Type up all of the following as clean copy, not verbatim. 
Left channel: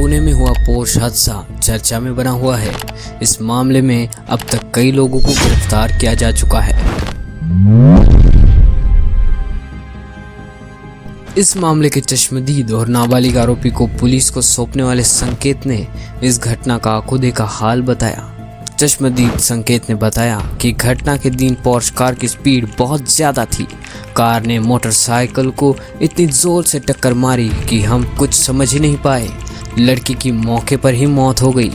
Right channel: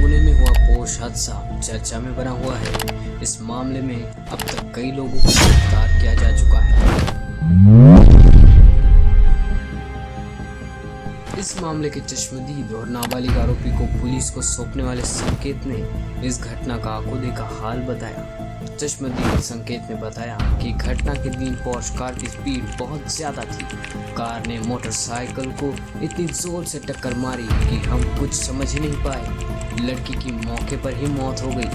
पुणे में हुआ पोर्श हादसा चर्चा में बना हुआ है। इस मामले में अब तक कई लोगों को गिरफ्तार किया जा चुका है। इस मामले के चश्मदीद और नाबालिग आरोपी को पुलिस को सौंपने वाले संकेत ने इस घटना का आंखों देखा हाल बताया। चश्मदीद संकेत ने बताया कि घटना के दिन पोर्श कार की स्पीड बहुत ज़्यादा थी। कार ने मोटरसाइकिल को इतनी ज़ोर से टक्कर मारी कि हम कुछ समझ ही नहीं पाए। लड़की की मौके पर ही मौत हो गई।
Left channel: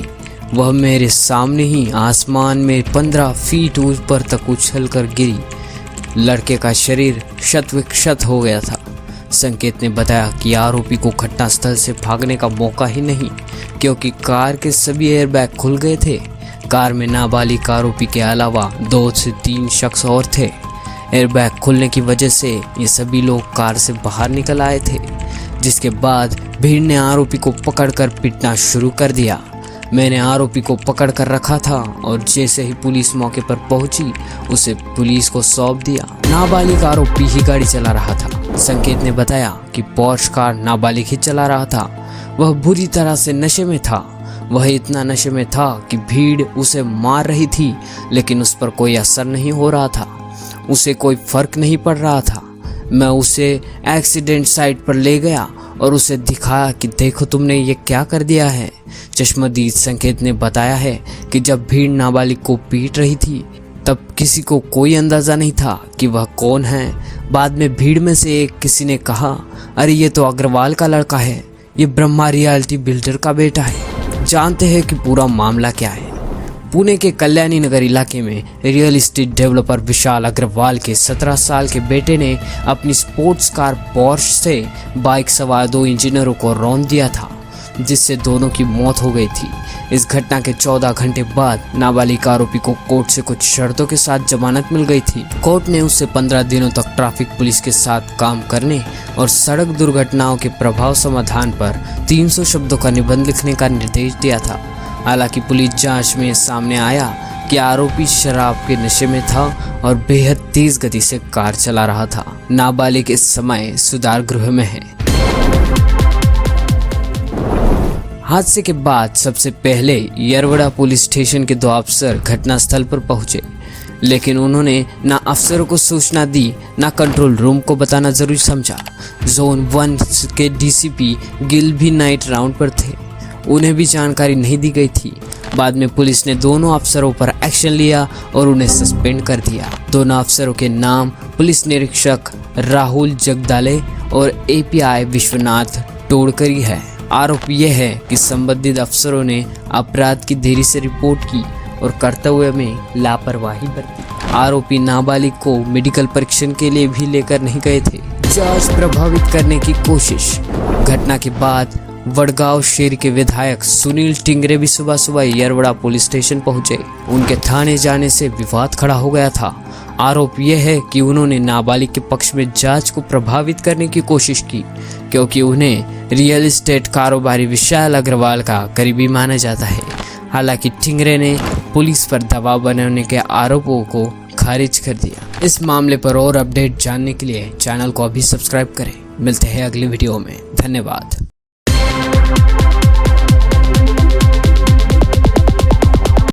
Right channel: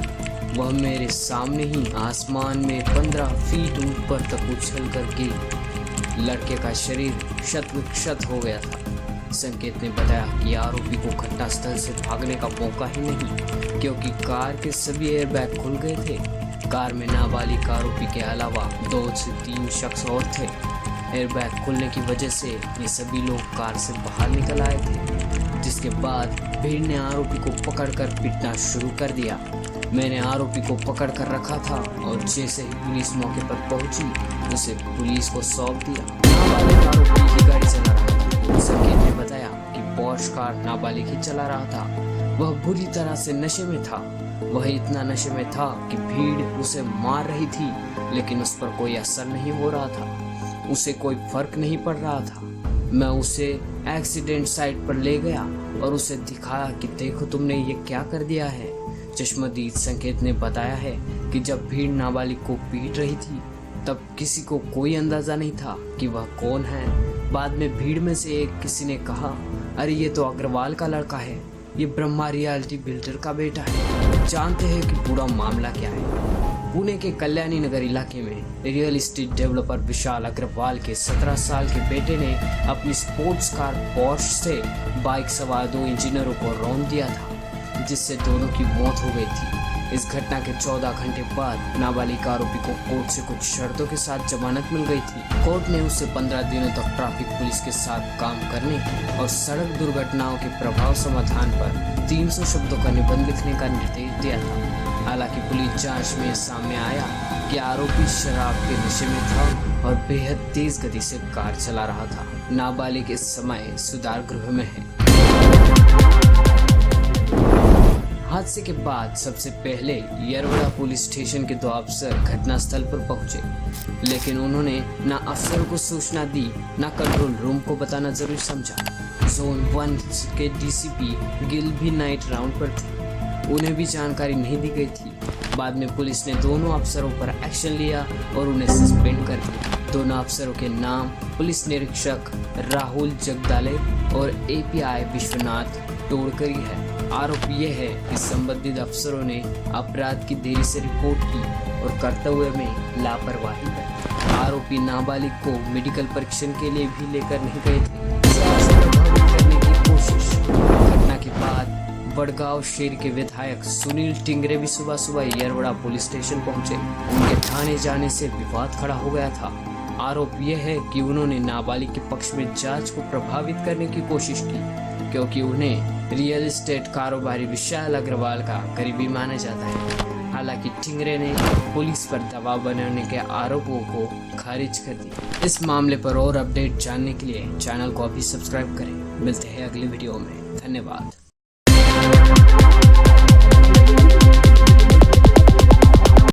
वह मेरे सामने ही आसमान में 15 फीट ऊपर तक उछल कर गिरी। लड़के का शरीर क्षत हो गया था। संकेत ने बताया कि आरोपी को घटनास्थल से भागने का मौका ही नहीं, क्योंकि कार के सभी एयरबैग खुल गए थे। कार में नाबालिग आरोपी के अलावा 2 से 3 शख्स और थे। एयरबैग खुलने की वजह से ये सभी लोग कार से बाहर निकल आए थे, जिसके बाद भीड़ ने आरोपी को पकड़कर पीटना शुरू कर दिया। मैंने आरोपी को पकड़ कर रखा था और जैसे ही पुलिस मौके पर पहुंची उसे पुलिस को सौंप दिया। नाबालिग आरोपी ही गाड़ी चला रहा था। संकेत ने बताया कि पोर्श कार नाबालिग ही चला रहा था। वह बुरी तरह से नशे में था। वह इतना नशे में था कि भीड़ उसे मार रही थी, लेकिन उस पर कोई असर नहीं हो रहा था। उसे कोई फर्क नहीं पड़ रहा था। मैं उसे एक्सीडेंट साइट पर ले गया और उसे दिखाया कि देखो तुमने ये क्या कर दिया है। चश्मदीद संकेत ने बताया है कि जब भीड़ नाबालिग को पीट रही थी तब किसी को कोई अंदाज़ा नहीं था कि वह कौन है। बाद में भीड़ में से एक किसी ने कहा, अरे ये तो अग्रवाल का लड़का है, ये ब्रह्मा रियल्टी बिल्डर का बेटा है। जानते हैं कि पूरा मामला क्या है। पुणे के कल्याणी नगर इलाके में रियल एस्टेट डेवलपर विशाल अग्रवाल के 17 साल के बेटे ने अपनी स्पोर्ट्स कार पोर्श से बाइक सवार 2 इंजीनियरों को रौंद दिया था, जिससे दोनों की मौत हो गई थी। इस घटना के 14 घंटे बाद नाबालिग आरोपी को कोर्ट से कुछ शर्तों के साथ जमानत मिल गई थी। कोर्ट ने उसे 15 दिनों तक ट्रैफिक पुलिस के साथ काम करने और सड़क दुर्घटनाओं के प्रभाव समाधान पर 300 शब्दों का निबंध लिखने का निर्देश दिया था। हालांकि पुलिस जांच में सामने आया कि आरोपी शराब के नशे में था और बेहद तेज गति से कार चला रहा था। नाबालिग इस समय सुधार गृह में है। हादसे के बाद सबसे पहले यरवड़ा पुलिस स्टेशन के 2 अफसर घटनास्थल पर पहुंचे, लेकिन उन्होंने ना अफसरों को सूचना दी, ना कंट्रोल रूम को बताना जरूरी समझा। जोन 1 के डीसीपी गिल भी नाइट राउंड पर थे, उन्हें भी जानकारी नहीं दी गई थी। बाद में पुलिस ने दोनों अफसरों पर एक्शन लिया और उन्हें सस्पेंड कर दिया। दोनों अफसरों के नाम पुलिस निरीक्षक राहुल जगदाले और एपीआई विश्वनाथ टोडकरी है। आरोप यह है कि संबंधित अफसरों ने अपराध की देरी से रिपोर्ट की और कर्तव्य में लापरवाही बरती। आरोपी नाबालिग को मेडिकल परीक्षण के लिए भी लेकर नहीं गए थे। जांच प्रभावित करने की कोशिश। घटना के बाद वडगांव शहर के विधायक सुनील टिंगरे भी सुबह सुबह यरवड़ा पुलिस स्टेशन पहुंचे। उनके थाने जाने से विवाद खड़ा हो गया था। आरोप यह है कि उन्होंने नाबालिग के पक्ष में जांच को प्रभावित करने की कोशिश की, क्योंकि उन्हें रियल एस्टेट कारोबारी विशाल अग्रवाल का करीबी माना जाता है। हालांकि टिंगरे ने पुलिस पर दबाव बनाने के आरोपों को खारिज कर दिया। इस मामले पर और अपडेट जानने के लिए चैनल को अभी सब्सक्राइब करें। मिलते हैं अगली वीडियो में। धन्यवाद।